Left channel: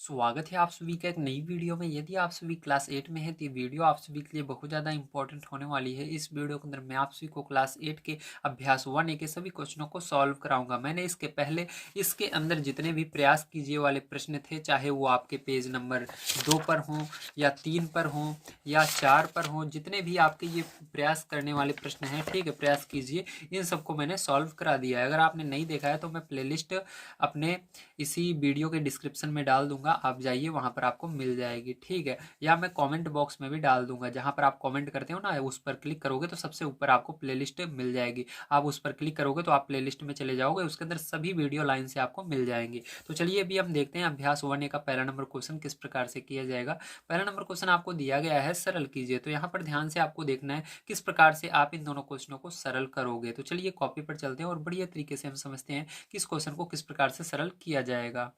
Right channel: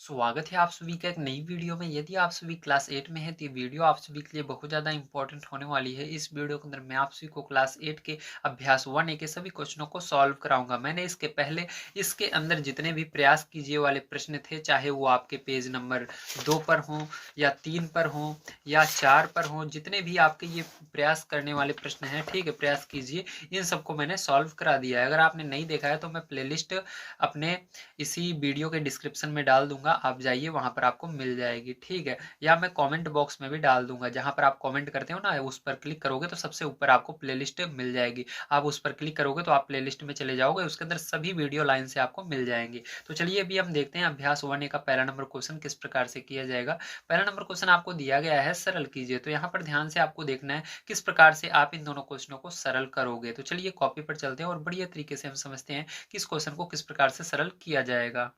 स्वागत है आप सभी का एक नई वीडियो में। यदि आप सभी क्लास 8 में हैं तो ये वीडियो आप सभी के लिए बहुत ज़्यादा इंपॉर्टेंट होने वाली है। इस वीडियो के अंदर मैं आप सभी को क्लास 8 के अभ्यास 1A के सभी क्वेश्चनों को सॉल्व कराऊंगा। मैंने इसके पहले इसके अंदर जितने भी प्रयास कीजिए वाले प्रश्न थे, चाहे वो आपके पेज नंबर 2 पर हों या 3 पर हों या 4 पर हों, जितने भी आपके ये प्रयास करने वाले प्रश्न हैं, ठीक है, प्रयास कीजिए। इन सबको मैंने सॉल्व करा दिया है। अगर आपने नहीं देखा है तो मैं प्लेलिस्ट अपने इसी वीडियो के डिस्क्रिप्शन में डाल दूंगा, आप जाइए वहां पर आपको मिल जाएगी, ठीक है। या मैं कमेंट बॉक्स में भी डाल दूंगा, जहां पर आप कमेंट करते हो ना, उस पर क्लिक करोगे तो सबसे ऊपर आपको प्लेलिस्ट मिल जाएगी। आप उस पर क्लिक करोगे तो आप प्लेलिस्ट में चले जाओगे, उसके अंदर सभी वीडियो लाइन से आपको मिल जाएंगी। तो चलिए अभी हम देखते हैं अभ्यास 1A का पहला नंबर क्वेश्चन किस प्रकार से किया जाएगा। पहला नंबर क्वेश्चन आपको दिया गया है सरल कीजिए। तो यहाँ पर ध्यान से आपको देखना है किस प्रकार से आप इन दोनों क्वेश्चनों को सरल करोगे। तो चलिए कॉपी पर चलते हैं और बढ़िया तरीके से हम समझते हैं कि इस क्वेश्चन को किस प्रकार से सरल किया जाएगा।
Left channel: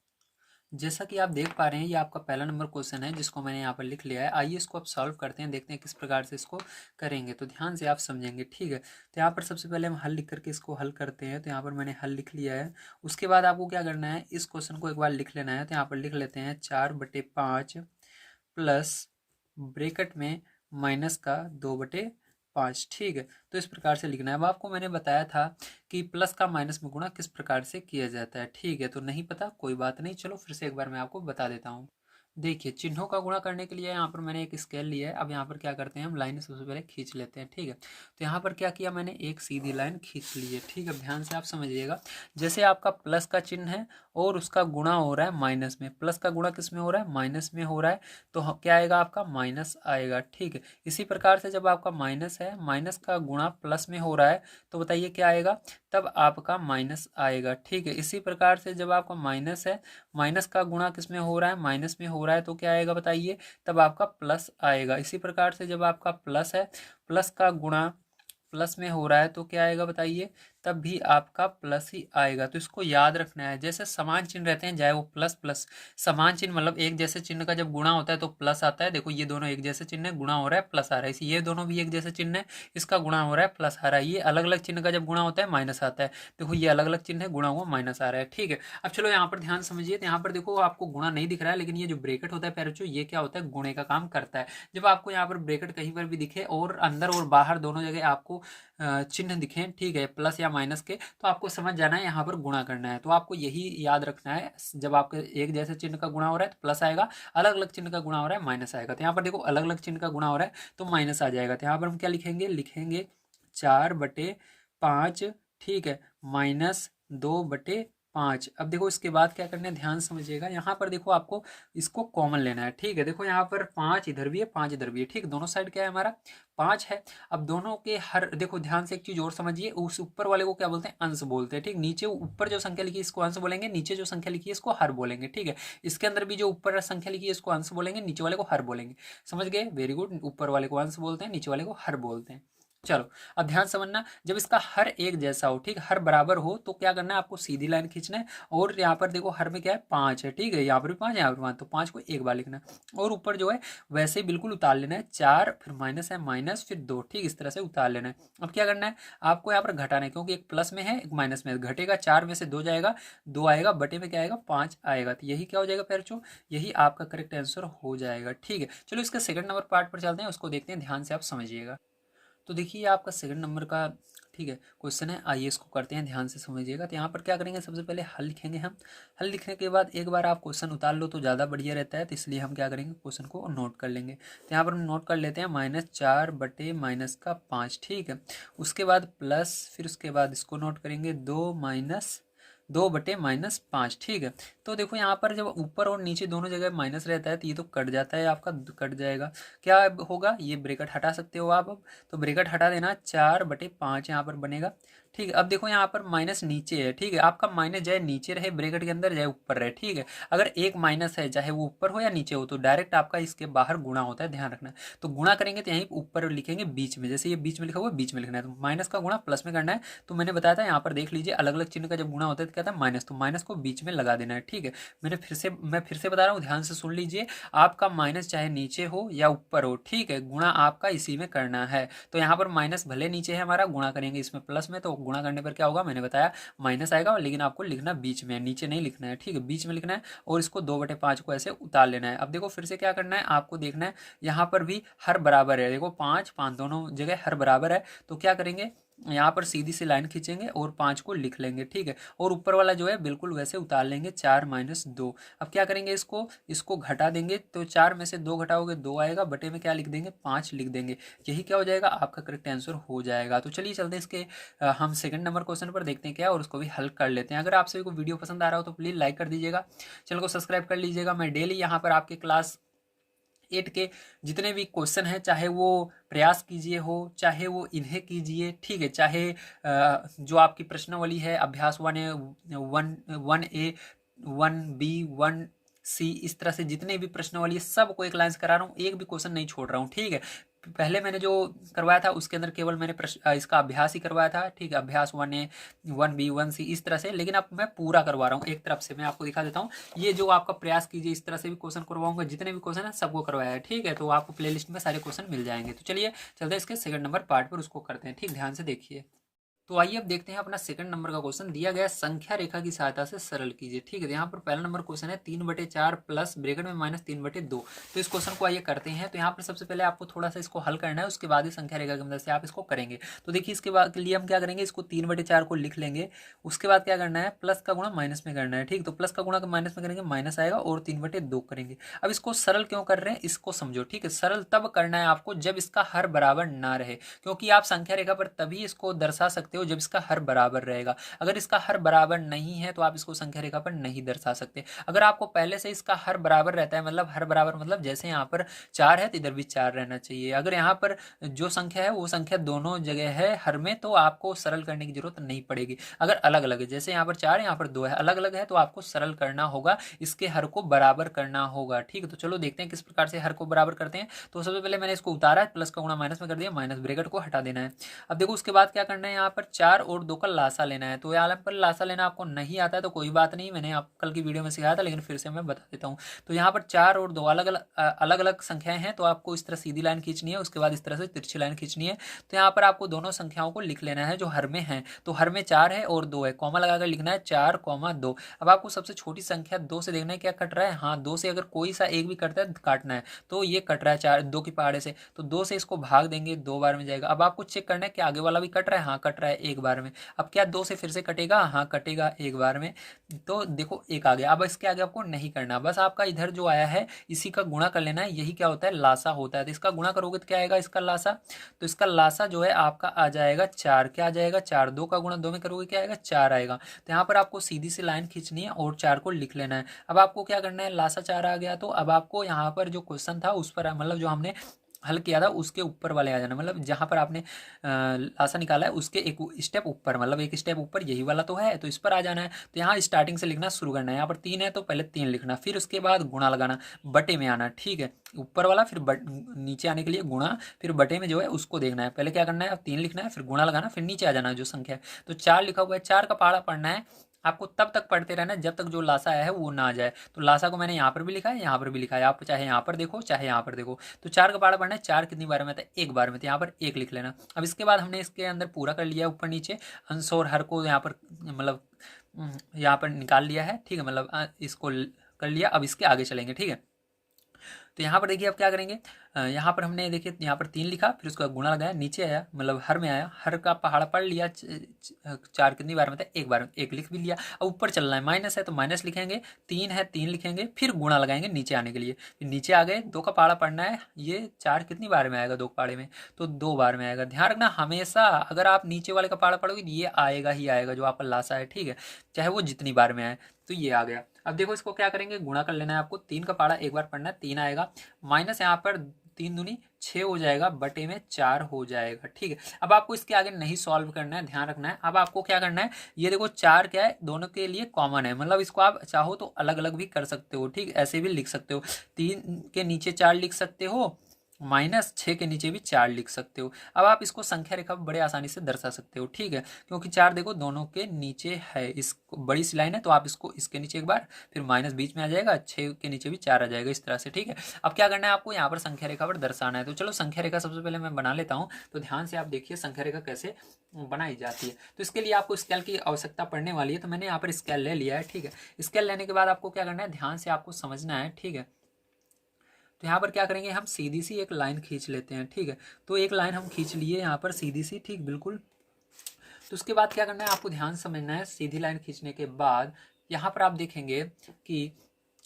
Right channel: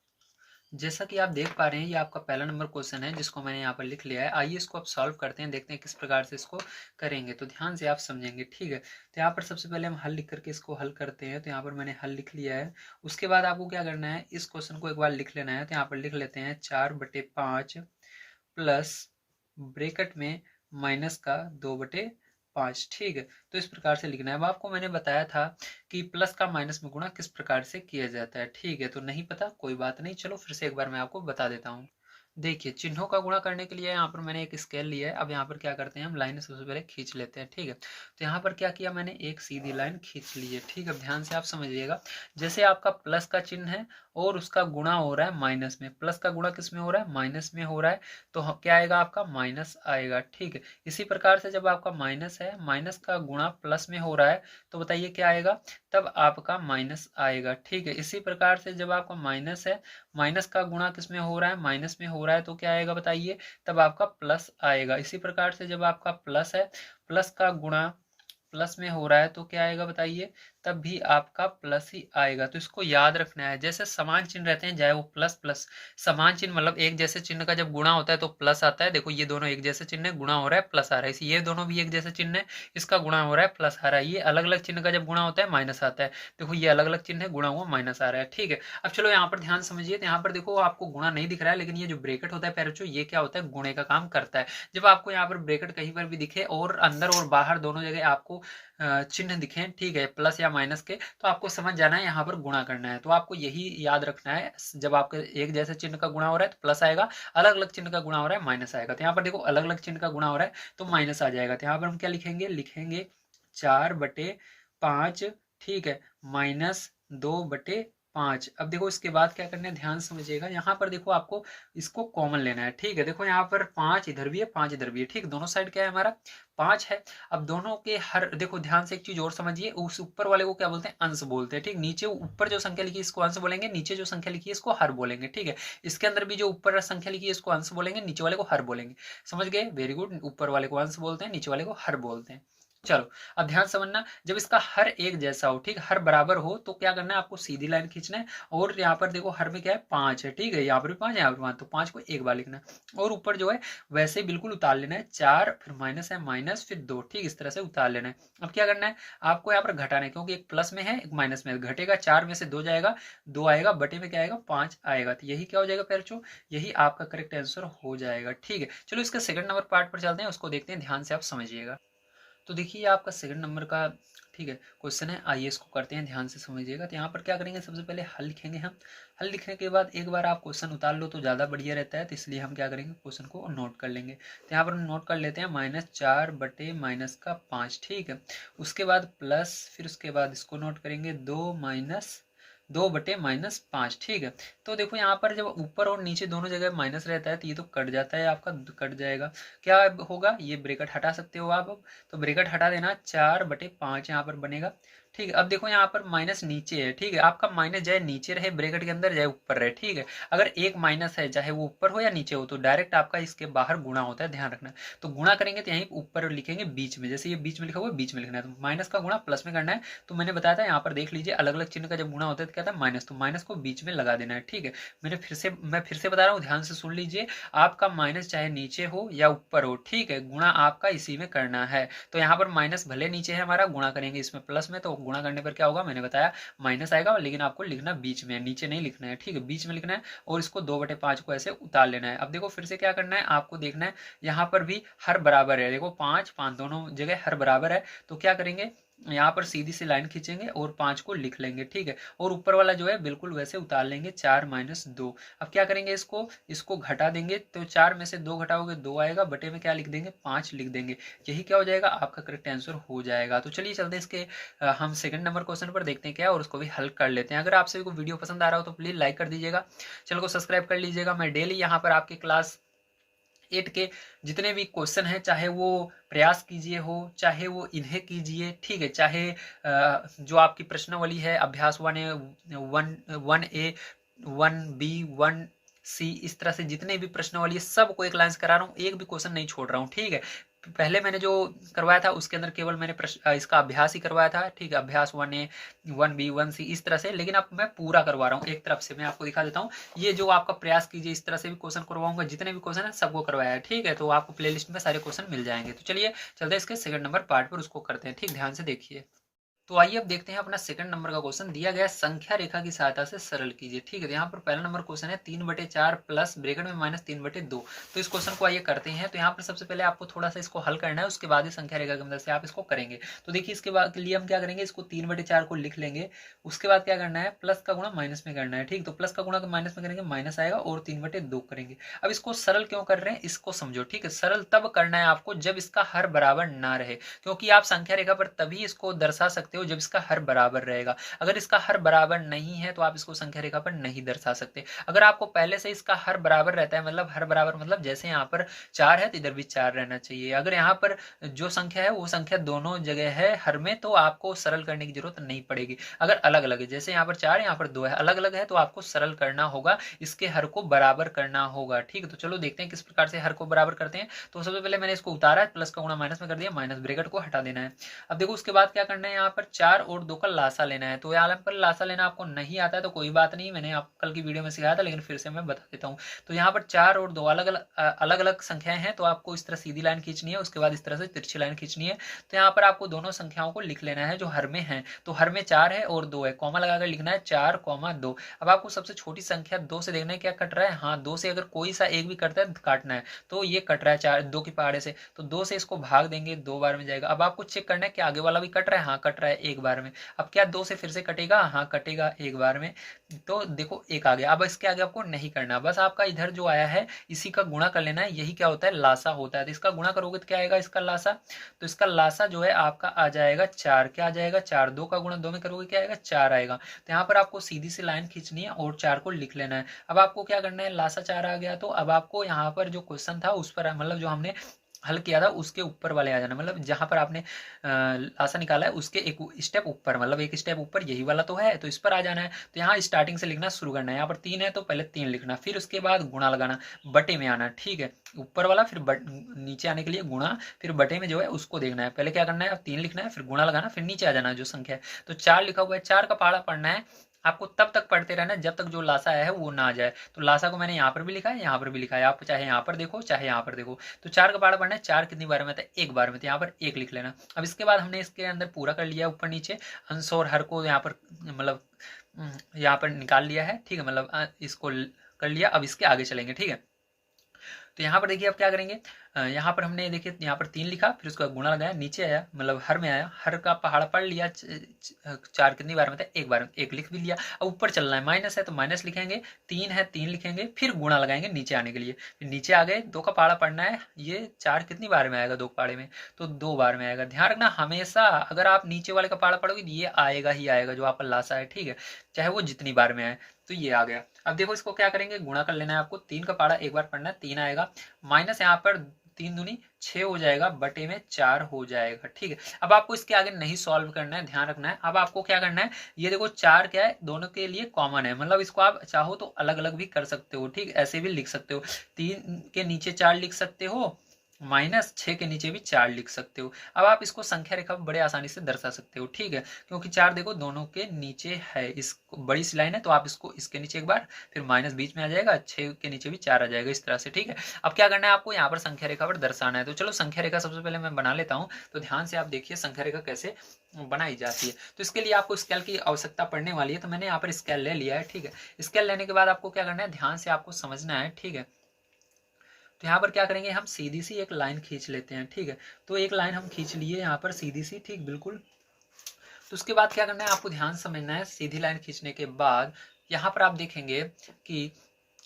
जैसा कि आप देख पा रहे हैं, ये आपका पहला नंबर क्वेश्चन है जिसको मैंने यहाँ पर लिख लिया है। आइए इसको अब सॉल्व करते हैं, देखते हैं किस प्रकार से इसको करेंगे। तो ध्यान से आप समझेंगे, ठीक है। तो यहाँ पर सबसे पहले हम हल लिख करके इसको हल करते हैं। तो यहाँ पर मैंने हल लिख लिया है। उसके बाद आपको क्या करना है, इस क्वेश्चन को एक बार लिख लेना है। तो यहाँ पर लिख लेते हैं 4/5 प्लस ब्रेकेट में माइनस का 2/5, ठीक है। तो इस प्रकार से लिखना है। अब आपको मैंने बताया था कि प्लस का माइनस में गुणा किस प्रकार से किया जाता है, ठीक है। तो नहीं पता, कोई बात नहीं, चलो फिर से एक बार मैं आपको बता देता हूँ। देखिए, चिन्हों का गुणा करने के लिए यहाँ पर मैंने एक स्केल लिया है। अब यहाँ पर क्या करते हैं, हम लाइन सबसे पहले खींच लेते हैं, ठीक है। तो यहाँ पर क्या किया मैंने, एक सीधी लाइन खींच ली है, ठीक है। ध्यान से आप समझिएगा, जैसे आपका प्लस का चिन्ह है और उसका गुणा हो रहा है माइनस में, प्लस का गुणा किस में हो रहा है, माइनस में हो रहा है, तो क्या आएगा आपका, माइनस आएगा, ठीक है। इसी प्रकार से जब आपका माइनस है, माइनस का गुणा प्लस में हो रहा है, तो बताइए क्या आएगा, तब आपका माइनस आएगा, ठीक है। इसी प्रकार से जब आपका माइनस है, माइनस का गुणा किस में हो रहा है, माइनस में हो रहा है, तो क्या आएगा बताइए, तब आपका प्लस आएगा। इसी प्रकार से जब आपका प्लस है, प्लस का गुणा प्लस में हो रहा है, तो क्या आएगा बताइए, तब भी आपका प्लस ही आएगा। तो इसको याद रखना है। जैसे समान चिन्ह रहते हैं, चाहे वो प्लस प्लस, समान चिन्ह मतलब एक जैसे चिन्ह का जब गुणा होता है तो प्लस आता है। देखो ये दोनों एक जैसे चिन्ह है, गुणा हो रहा है प्लस आ रहा है। इसी ये दोनों भी एक जैसे चिन्ह है, इसका गुणा हो रहा है प्लस आ रहा है। ये अलग अलग चिन्ह का जब गुणा होता है माइनस आता है। देखो ये अलग अलग चिन्ह है, गुणा हुआ माइनस आ रहा है, ठीक है। अब चलो यहाँ पर ध्यान समझिए। तो यहाँ पर देखो आपको गुणा नहीं दिख रहा है, लेकिन ये जो ब्रेकेट होता है पैरोचो, ये क्या होता है, गुणे का काम करता है। जब आपको यहाँ पर ब्रेकेट कहीं पर भी दिखे और अंदर और बाहर दोनों जगह आपको चिन्ह दिखे, ठीक है, प्लस या माइनस के, तो आपको समझ जाना है यहाँ पर गुणा करना है। तो आपको यही याद रखना है, जब आपके एक जैसे चिन्ह का गुणा हो रहा है तो प्लस आएगा, अलग अलग चिन्ह का गुणा हो रहा है माइनस आएगा। तो यहाँ पर देखो अलग अलग चिन्ह का गुणा हो रहा है तो माइनस आ जाएगा। तो यहाँ पर हम क्या लिखेंगे, लिखेंगे 4/5, ठीक है, -2/5। अब देखो इसके बाद क्या करना है, ध्यान समझिएगा। यहाँ पर देखो आपको इसको कॉमन लेना है, ठीक है। देखो यहाँ पर 5 इधर भी है, 5 इधर भी है, ठीक। दोनों साइड क्या है हमारा, 5 है। अब दोनों के हर, देखो ध्यान से एक चीज और समझिए, उस ऊपर वाले को क्या बोलते हैं, अंश बोलते हैं, ठीक। नीचे ऊपर जो संख्या लिखी है इसको अंश बोलेंगे, नीचे जो संख्या लिखी है इसको हर बोलेंगे, ठीक है। इसके अंदर भी जो ऊपर संख्या लिखी है इसको अंश बोलेंगे, नीचे वाले को हर बोलेंगे। समझ गए, वेरी गुड। ऊपर वाले को अंश बोलते हैं, नीचे वाले को हर बोलते हैं। चलो अब ध्यान समझना, जब इसका हर एक जैसा हो, ठीक, हर बराबर हो, तो क्या करना है, आपको सीधी लाइन खींचना है। और यहाँ पर देखो हर में क्या है, 5 है, ठीक है। यहाँ पर भी 5 है, यहाँ पर 5, तो 5 को एक बार लिखना है। और ऊपर जो है वैसे ही बिल्कुल उतार लेना है, 4 फिर माइनस है, माइनस फिर 2, ठीक, इस तरह से उतार लेना है। अब क्या करना है, आपको यहाँ पर घटाना है, क्योंकि एक प्लस में है एक माइनस में है। घटेगा, 4 में से 2 जाएगा, 2 आएगा, बटे में क्या आएगा, 5 आएगा। तो यही क्या हो जाएगा पैरचो, यही आपका करेक्ट आंसर हो जाएगा, ठीक है। चलो इसका सेकंड नंबर पार्ट पर चलते हैं, उसको देखते हैं, ध्यान से आप समझिएगा। तो देखिए आपका सेकंड नंबर का, ठीक है, क्वेश्चन है। आइए इसको करते हैं, ध्यान से समझिएगा। तो यहाँ पर क्या करेंगे, सबसे पहले हल लिखेंगे हम। हल लिखने के बाद एक बार आप क्वेश्चन उतार लो तो ज़्यादा बढ़िया रहता है, तो इसलिए हम क्या करेंगे, क्वेश्चन को नोट कर लेंगे। तो यहाँ पर हम नोट कर लेते हैं, -4/-5, ठीक है। उसके बाद प्लस, फिर उसके बाद इसको नोट करेंगे, 2/-5, ठीक है। तो देखो यहाँ पर जब ऊपर और नीचे दोनों जगह माइनस रहता है तो ये तो कट जाता है, आपका कट जाएगा। क्या होगा, ये ब्रेकेट हटा सकते हो आप अब, तो ब्रेकेट हटा देना, 4/5 यहाँ पर बनेगा, ठीक है। अब देखो यहाँ पर माइनस नीचे है, ठीक है। आपका माइनस चाहे नीचे रहे ब्रेकेट के अंदर, चाहे ऊपर रहे, ठीक है। अगर एक माइनस है, चाहे वो ऊपर हो या नीचे हो, तो डायरेक्ट आपका इसके बाहर गुणा होता है, ध्यान रखना। तो गुणा करेंगे तो यहीं ऊपर लिखेंगे बीच में, जैसे ये बीच में लिखा हुआ है, बीच में लिखना है। तो माइनस का गुणा प्लस में करना है। तो मैंने बताया था, यहाँ पर देख लीजिए, अलग अलग चिन्ह का जब गुणा होता है तो क्या था, माइनस, तो माइनस को बीच में लगा देना है, ठीक है। मैं फिर से बता रहा हूँ, ध्यान से सुन लीजिए। आपका माइनस चाहे नीचे हो या ऊपर हो, ठीक है, गुणा आपका इसी में करना है। तो यहाँ पर माइनस भले नीचे है हमारा, गुणा करेंगे इसमें प्लस में, तो गुणा करने पर क्या होगा मैंने बताया माइनस आएगा, लेकिन आपको लिखना बीच में, नीचे नहीं लिखना है, ठीक है, बीच में लिखना है और इसको 2/5 को ऐसे उतार लेना है। अब देखो फिर से क्या करना है आपको देखना है, यहाँ पर भी हर बराबर है, देखो 5 5 दोनों जगह हर बराबर है, तो क्या करेंगे यहाँ पर सीधी सी लाइन खींचेंगे और 5 को लिख लेंगे, ठीक है, और ऊपर वाला जो है बिल्कुल वैसे उतार लेंगे 4 - 2। अब क्या करेंगे इसको घटा देंगे, तो 4 में से 2 घटाओगे 2 आएगा, बटे में क्या लिख देंगे 5 लिख देंगे, यही क्या हो जाएगा आपका करेक्ट आंसर हो जाएगा। तो चलिए चलते हैं इसके हम सेकंड नंबर क्वेश्चन पर देखते हैं क्या, और उसको भी हल कर लेते हैं। अगर आप सभी को वीडियो पसंद आ रहा हो तो प्लीज़ लाइक कर दीजिएगा, चैनल को सब्सक्राइब कर लीजिएगा। मैं डेली यहाँ पर आपके क्लास 8 के जितने भी क्वेश्चन हैं, चाहे वो प्रयास कीजिए हो, चाहे वो इन्हें कीजिए, ठीक है, चाहे जो आपकी प्रश्नावली है अभ्यास 1A 1A 1B 1C, इस तरह से जितने भी प्रश्नावली है सबको एक लाइन से करा रहा हूँ, एक भी क्वेश्चन नहीं छोड़ रहा हूँ, ठीक है। पहले मैंने जो करवाया था उसके अंदर केवल मैंने इसका अभ्यास ही करवाया था, ठीक है, अभ्यास 1A 1B 1C इस तरह से, लेकिन अब मैं पूरा करवा रहा हूँ एक तरफ से। मैं आपको दिखा देता हूँ, ये जो आपका प्रयास कीजिए इस तरह से भी क्वेश्चन करवाऊंगा, जितने भी क्वेश्चन है सबको करवाया है, ठीक है, तो आपको प्लेलिस्ट में सारे क्वेश्चन मिल जाएंगे। तो चलिए चलते हैं इसके सेकंड नंबर पार्ट पर, उसको करते हैं, ठीक, ध्यान से देखिए। तो आइए अब देखते हैं अपना सेकंड नंबर का क्वेश्चन, दिया गया संख्या रेखा की सहायता से सरल कीजिए, ठीक है। तो यहाँ पर पहला नंबर क्वेश्चन है 3/4 प्लस ब्रैकेट में -3/2। तो इस क्वेश्चन को आइए करते हैं। तो यहाँ पर सबसे पहले आपको थोड़ा सा इसको हल करना है, उसके बाद ही संख्या रेखा की मदद से आप इसको करेंगे। तो देखिए इसके बाद के लिए हम क्या करेंगे, इसको 3/4 को लिख लेंगे, उसके बाद क्या करना है प्लस का गुणा माइनस में करना है, ठीक। तो प्लस का गुणा माइनस में करेंगे माइनस आएगा और 3/2 करेंगे। अब इसको सरल क्यों कर रहे हैं इसको समझो, ठीक है। सरल तब करना है आपको जब इसका हर बराबर ना रहे, क्योंकि आप संख्या रेखा पर तभी इसको दर्शा सकते हो जब इसका हर बराबर रहेगा। अगर इसका हर बराबर नहीं है तो आप इसको संख्या रेखा पर नहीं दर्शा सकते। अगर आपको पहले से इसका हर बराबर रहता है, मतलब हर बराबर मतलब जैसे यहाँ पर 4 है तो इधर भी 4 रहना चाहिए। अगर यहाँ पर जो संख्या है वो संख्या दोनों जगह है हर में, तो आपको सरल करने की जरूरत नहीं पड़ेगी। अगर अलग अलग है, जैसे यहाँ पर 4 है यहाँ पर 2 है, अलग अलग है, तो आपको सरल करना होगा, इसके हर को बराबर करना होगा, ठीक है। तो चलो देखते हैं किस प्रकार से हर को बराबर करते हैं। तो सबसे पहले मैंने इसको उतारा है, प्लस का गुणा माइनस में कर दिया, माइनस ब्रैकेट को हटा देना है। अब देखो उसके बाद क्या करना है, यहाँ पर 4 और 2 का लासा लेना है। तो यहाँ पर लासा लेना आपको नहीं आता है तो कोई बात नहीं, मैंने आप कल की वीडियो में सिखाया था, लेकिन फिर से मैं बता देता हूँ। तो यहाँ पर 4 और 2 अलग अलग संख्याएं हैं, तो आपको इस तरह सीधी लाइन खींचनी है, उसके बाद इस तरह से तिरछी लाइन खींचनी है। तो यहाँ पर आपको दोनों संख्याओं को लिख लेना है जो हर में है। तो हर में 4 है और 2 है, कॉमा लगाकर लिखना है 4, 2। अब आपको सबसे छोटी संख्या 2 से देखना है क्या कट रहा है। हाँ, 2 से अगर कोई सा एक भी कटता है काटना है, तो ये कट रहा है 4 2 के पहाड़े से, तो 2 से इसको भाग देंगे, 2 बार में जाएगा। अब आपको चेक करना है कि आगे वाला भी कट रहा है, हाँ कट रहा है एक बार में। अब क्या 2 से फिर से कटेगा, हाँ कटेगा एक बार में, तो देखो एक आ गया। अब इसके आगे आपको नहीं करना, बस आपका इधर जो आया है इसी का गुणा कर लेना है, यही क्या होता है लासा होता है। तो इसका गुणा करोगे तो क्या आएगा इसका लासा, तो इसका लासा जो है आपका आ जाएगा 4। क्या आ जाएगा 4, 2 का गुणा 2 में करोगे क्या आएगा 4 आएगा। तो यहाँ पर आपको सीधी सी लाइन खींचनी है और 4 को लिख लेना है। अब आपको क्या करना है, लासा 4 आ गया, तो अब आपको यहाँ पर जो क्वेश्चन था उस पर मतलब जो हमने हल किया था उसके ऊपर वाले आ जाना, मतलब जहां पर आपने लासा निकाला है उसके एक स्टेप ऊपर, मतलब एक स्टेप ऊपर, यही वाला तो है, तो इस पर आ जाना है। तो यहाँ स्टार्टिंग से लिखना शुरू करना है। यहाँ पर 3 है तो पहले 3 लिखना, फिर उसके बाद गुणा लगाना, बटे में आना, ठीक है, ऊपर वाला, फिर नीचे आने के लिए गुणा, फिर बटे में जो है उसको देखना है। पहले क्या करना है 3 लिखना है, फिर गुणा लगाना, फिर नीचे आ जाना है जो संख्या है। तो 4 लिखा हुआ है, 4 का पहाड़ा पढ़ना है आपको, तब तक पढ़ते रहना जब तक जो लासा आया है वो ना आ जाए। तो लासा को मैंने यहाँ पर भी लिखा है, यहाँ पर भी लिखा है, आप चाहे यहाँ पर देखो चाहे यहाँ पर देखो। तो 4 का पहाड़ा पढ़ना है, 4 कितनी बार में था एक बार में, तो यहाँ पर 1 लिख लेना। अब इसके बाद हमने इसके अंदर पूरा कर लिया ऊपर नीचे, अंश और हर को यहाँ पर मतलब यहाँ पर निकाल लिया है, ठीक है, मतलब इसको कर लिया। अब इसके आगे चलेंगे, ठीक है। तो यहाँ पर देखिए अब क्या करेंगे, यहाँ पर हमने देखिए यहाँ पर 3 लिखा, फिर उसका गुणा लगाया, नीचे आया मतलब हर में आया, हर का पहाड़ा पढ़ लिया, 4 कितनी बार में था एक बार में, 1 लिख भी लिया। अब ऊपर चलना है, माइनस है तो माइनस लिखेंगे, 3 है 3 लिखेंगे, फिर गुणा लगाएंगे नीचे आने के लिए, फिर नीचे आ गए, 2 का पहाड़ा पढ़ना है, ये 4 कितनी बार में आएगा 2 पहाड़े में, तो 2 बार में आएगा। ध्यान रखना हमेशा अगर आप नीचे वाले का पहाड़ा पढ़ोगे ये आएगा ही आएगा जो आपका लासा है, ठीक है, चाहे वो जितनी बार में आए। तो ये आ गया। अब देखो इसको क्या करेंगे, गुणा कर लेना है आपको, 3 का पहाड़ा एक बार पढ़ना है, 3 आएगा, माइनस यहाँ पर 3 दूनी 6 हो जाएगा, बटे में 4 हो जाएगा, ठीक है। अब आपको इसके आगे नहीं सॉल्व करना है, ध्यान रखना है। अब आपको क्या करना है, ये देखो 4 क्या है दोनों के लिए कॉमन है, मतलब इसको आप चाहो तो अलग अलग भी कर सकते हो, ठीक, ऐसे भी लिख सकते हो, 3 के नीचे 4 लिख सकते हो, -6 के नीचे भी 4 लिख सकते हो। अब आप इसको संख्या रेखा बड़े आसानी से दर्शा सकते हो, ठीक है, क्योंकि 4 देखो दोनों के नीचे है, इस बड़ी सी लाइन है, तो आप इसको इसके नीचे एक बार, फिर माइनस बीच में आ जाएगा, 6 के नीचे भी 4 आ जाएगा, इस तरह से, ठीक है। अब क्या करना है आपको यहाँ पर संख्या रेखा पर दर्शाना है। तो चलो संख्या रेखा सबसे पहले मैं बना लेता हूँ। तो ध्यान से आप देखिए संख्या रेखा कैसे बनाई जाती है। तो इसके लिए आपको स्केल की आवश्यकता पड़ने वाली है, तो मैंने यहाँ पर स्केल ले लिया है, ठीक है। स्केल लेने के बाद आपको क्या करना है, ध्यान से आपको समझना है, ठीक है। तो यहाँ पर क्या करेंगे, हम सीधी सी एक लाइन खींच लेते हैं, ठीक है। तो एक लाइन हम खींच लिए यहाँ पर सीधी सी, ठीक, बिल्कुल। तो उसके बाद क्या करना है, आपको ध्यान समझना है। सीधी लाइन खींचने के बाद यहाँ पर आप देखेंगे कि,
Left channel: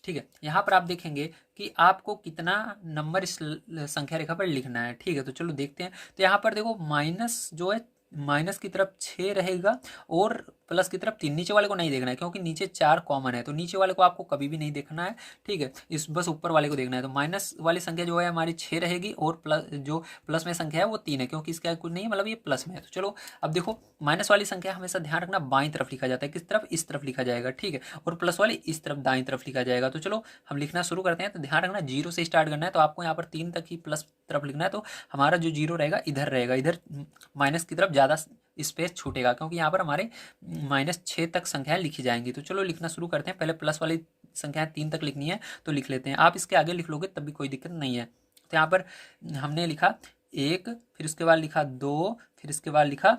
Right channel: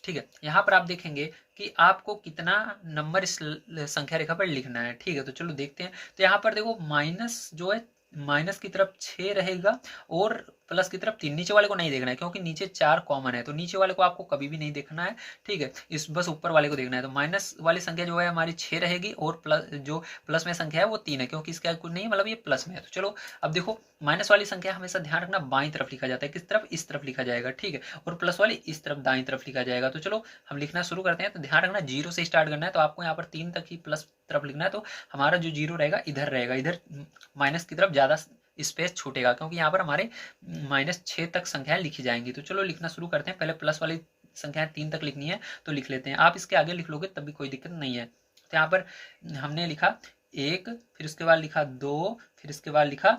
ठीक है, यहाँ पर आप देखेंगे कि आपको कितना नंबर इस संख्या रेखा पर लिखना है, ठीक है। तो चलो देखते हैं। तो यहाँ पर देखो माइनस जो है, माइनस की तरफ 6 रहेगा और प्लस की तरफ 3। नीचे वाले को नहीं देखना है क्योंकि नीचे 4 कॉमन है, तो नीचे वाले को आपको कभी भी नहीं देखना है, ठीक है। इस बस ऊपर वाले को देखना है। तो माइनस वाली संख्या जो है हमारी 6 रहेगी और प्लस जो प्लस में संख्या है वो 3 है, क्योंकि इसका कुछ नहीं है, मतलब ये प्लस में है। तो चलो अब देखो, माइनस वाली संख्या हमेशा ध्यान रखना बाईं तरफ लिखा जाता है। किस तरफ, इस तरफ लिखा जाएगा, ठीक है। और प्लस वाली इस तरफ दाईं तरफ लिखा जाएगा। तो चलो हम लिखना शुरू करते हैं। तो ध्यान रखना 0 से स्टार्ट करना है, तो आपको यहाँ पर 3 तक ही प्लस तरफ लिखना है। तो हमारा जो 0 रहेगा इधर रहेगा, इधर माइनस की तरफ ज़्यादा स्पेस छूटेगा, क्योंकि यहाँ पर हमारे -6 तक संख्याएं लिखी जाएंगी। तो चलो लिखना शुरू करते हैं। पहले प्लस वाली संख्याएं 3 तक लिखनी है, तो लिख लेते हैं। आप इसके आगे लिख लोगे तब भी कोई दिक्कत नहीं है। तो यहाँ पर हमने लिखा 1, फिर उसके बाद लिखा 2, फिर इसके बाद लिखा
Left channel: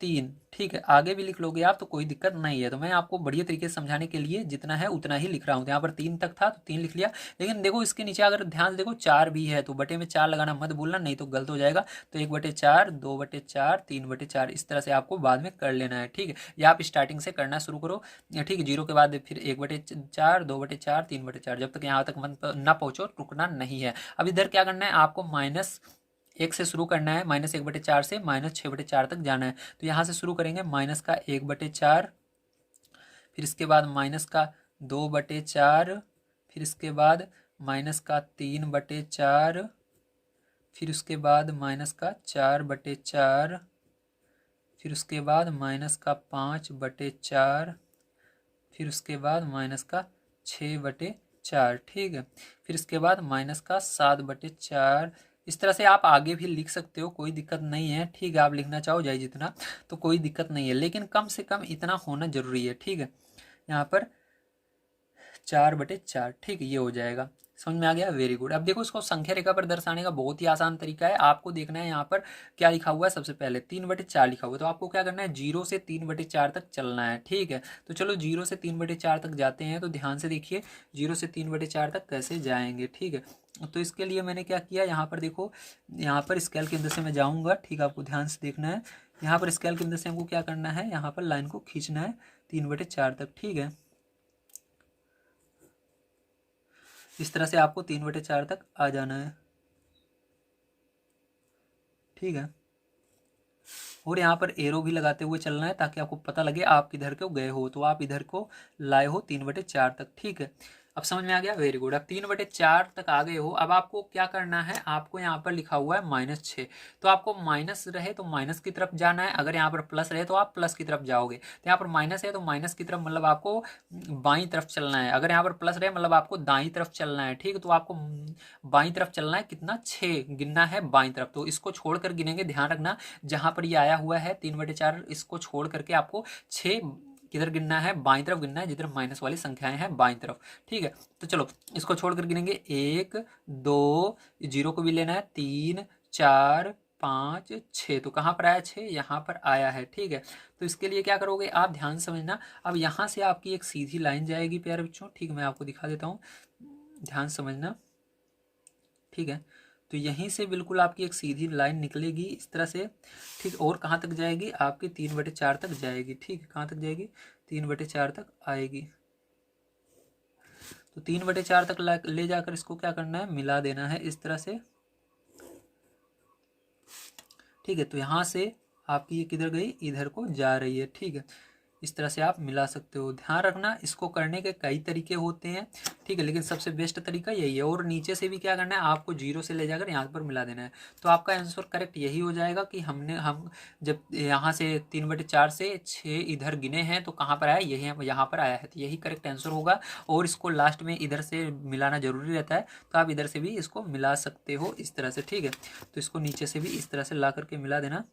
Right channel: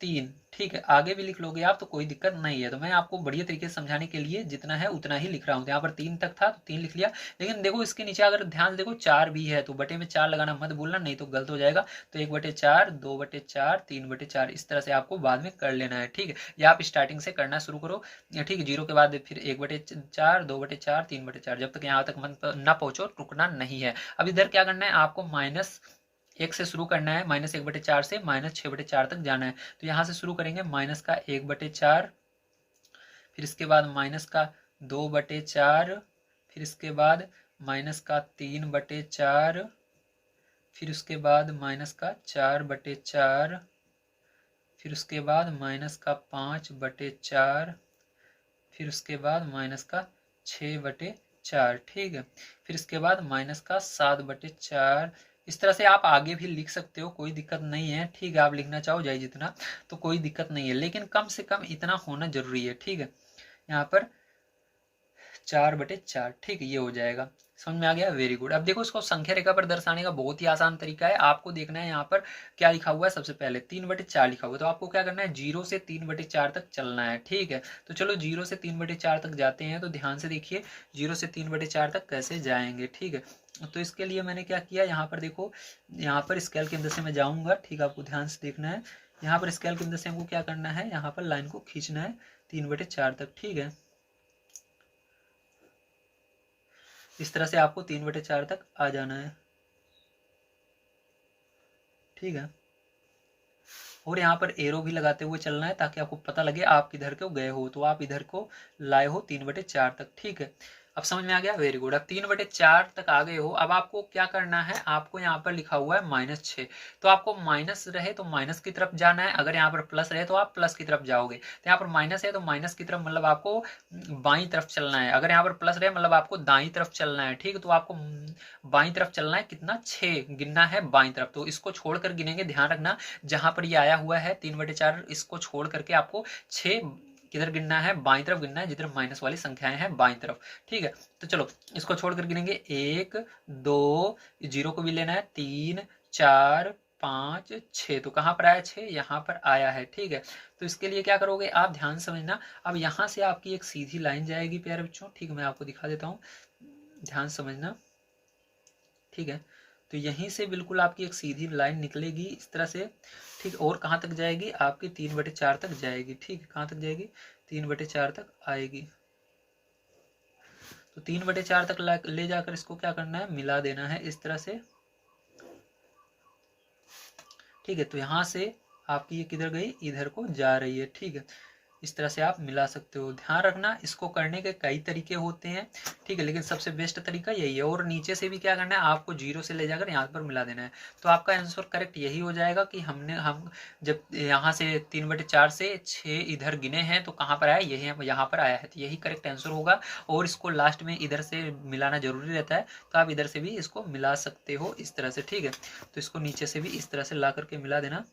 3, ठीक है। आगे भी लिख लोगे आप तो कोई दिक्कत नहीं है। तो मैं आपको बढ़िया तरीके से समझाने के लिए जितना है उतना ही लिख रहा हूँ। तो यहाँ पर 3 तक था तो 3 लिख लिया, लेकिन देखो इसके नीचे अगर ध्यान से देखो 4 भी है, तो बटे में 4 लगाना मत भूलना, नहीं तो गलत हो जाएगा। तो 1/4, 2/4, 3/4, इस तरह से आपको बाद में कर लेना है, ठीक है। या आप स्टार्टिंग से करना शुरू करो, ठीक है। 0 के बाद फिर 1/4, 2/4, 3/4, जब तक यहाँ तक मन ना पहुँचो रुकना नहीं है। अब इधर क्या करना है, आपको -1 से शुरू करना है, -1/4 से -6/4 तक जाना है। तो यहाँ से शुरू करेंगे, माइनस का 1/4, फिर इसके बाद माइनस का 2/4, फिर इसके बाद माइनस का 3/4, फिर उसके बाद माइनस का 4/4, फिर उसके बाद माइनस का 5/4, फिर उसके बाद माइनस का 6/4, ठीक है। फिर इसके बाद माइनस का 7/4। इस तरह से आप आगे भी लिख सकते हो, कोई दिक्कत नहीं है, ठीक है। आप लिखना चाहो जाए जितना, तो कोई दिक्कत नहीं है, लेकिन कम से कम इतना होना जरूरी है, ठीक है। यहाँ पर 4/4, ठीक है, ये हो जाएगा। समझ में आ गया, वेरी गुड। अब देखो इसको संख्या रेखा पर दर्शाने का बहुत ही आसान तरीका है। आपको देखना है यहाँ पर क्या लिखा हुआ है, सबसे पहले 3/4 लिखा हुआ है। तो आपको क्या करना है, 0 से 3/4 तक चलना है, ठीक है। तो चलो 0 से 3/4 तक जाते हैं। तो ध्यान से देखिए 0 से 3/4 तक कैसे जाएंगे, ठीक है। तो इसके लिए मैंने क्या किया, यहाँ पर देखो, यहाँ पर स्केल की मदद से मैं जाऊँगा, ठीक है। आपको ध्यान से देखना है, यहाँ पर स्केल की मदद से हमको क्या करना है, यहाँ पर लाइन को खींचना है 3/4 तक, ठीक है। इस तरह से आपको 3/4 तक आ जाना है, ठीक है। और यहाँ पर एरो भी लगाते हुए चलना है ताकि आपको पता लगे आप किधर को गए हो, तो आप इधर को लाए हो 3/4 तक, ठीक है। अब समझ में आ गया, वेरी गुड। अब 3/4 तक आ गए हो। अब आपको क्या करना है, आपको यहाँ पर लिखा हुआ है -6, तो आपको माइनस रहे तो माइनस की तरफ जाना है, अगर यहाँ पर प्लस रहे तो आप प्लस की तरफ जाओगे। तो यहाँ पर माइनस है तो माइनस की तरफ, मतलब आपको बाईं तरफ चलना है। अगर यहाँ पर प्लस रहे मतलब आपको दाईं तरफ चलना है, ठीक है। तो आपको बाईं तरफ चलना है, कितना, 6 गिनना है बाईं तरफ। तो इसको छोड़कर गिनेंगे, ध्यान रखना जहां पर ये आया हुआ है 3/4, इसको छोड़ करके आपको 6 किधर गिनना है, बाईं तरफ गिनना है, जिधर माइनस वाली संख्याएं हैं बाईं तरफ, ठीक है। तो चलो इसको छोड़कर गिनेंगे, 1, 2, 0 को भी लेना है, 3, 4, 5, 6। तो कहाँ पर आया, 6 यहाँ पर आया है, ठीक है। तो इसके लिए क्या करोगे आप, ध्यान समझना। अब यहाँ से आपकी एक सीधी लाइन जाएगी प्यारे बच्चों, ठीक है। मैं आपको दिखा देता हूँ, ध्यान समझना, ठीक है। तो यहीं से बिल्कुल आपकी एक सीधी लाइन निकलेगी इस तरह से, ठीक। और कहाँ तक जाएगी, आपकी 3/4 तक जाएगी, ठीक है। कहाँ तक जाएगी, 3/4 तक आएगी। तो 3/4 तक ले जाकर इसको क्या करना है, मिला देना है इस तरह से, ठीक है। तो यहाँ से आपकी ये किधर गई, इधर को जा रही है, ठीक है। इस तरह से आप मिला सकते हो। ध्यान रखना इसको करने के कई तरीके होते हैं, ठीक है, लेकिन सबसे बेस्ट तरीका यही है। और नीचे से भी क्या करना है, आपको जीरो से ले जाकर यहाँ पर मिला देना है। तो आपका आंसर करेक्ट यही हो जाएगा कि हम जब यहाँ से 3/4 से 6 इधर गिने हैं तो कहाँ पर आया, यही यहाँ पर आया है, तो यही करेक्ट आंसर होगा। और इसको लास्ट में इधर से मिलाना जरूरी रहता है, तो आप इधर से भी इसको मिला सकते हो इस तरह से, ठीक है। तो इसको नीचे से भी इस तरह से ला करके मिला देना,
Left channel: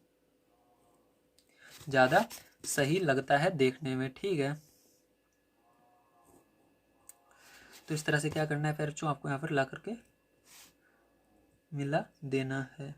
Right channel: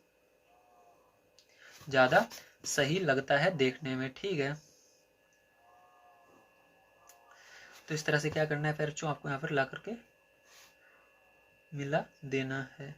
ज़्यादा सही लगता है देखने में, ठीक है। तो इस तरह से क्या करना है फिर बच्चों, आपको यहाँ पर ला करके मिला देना है।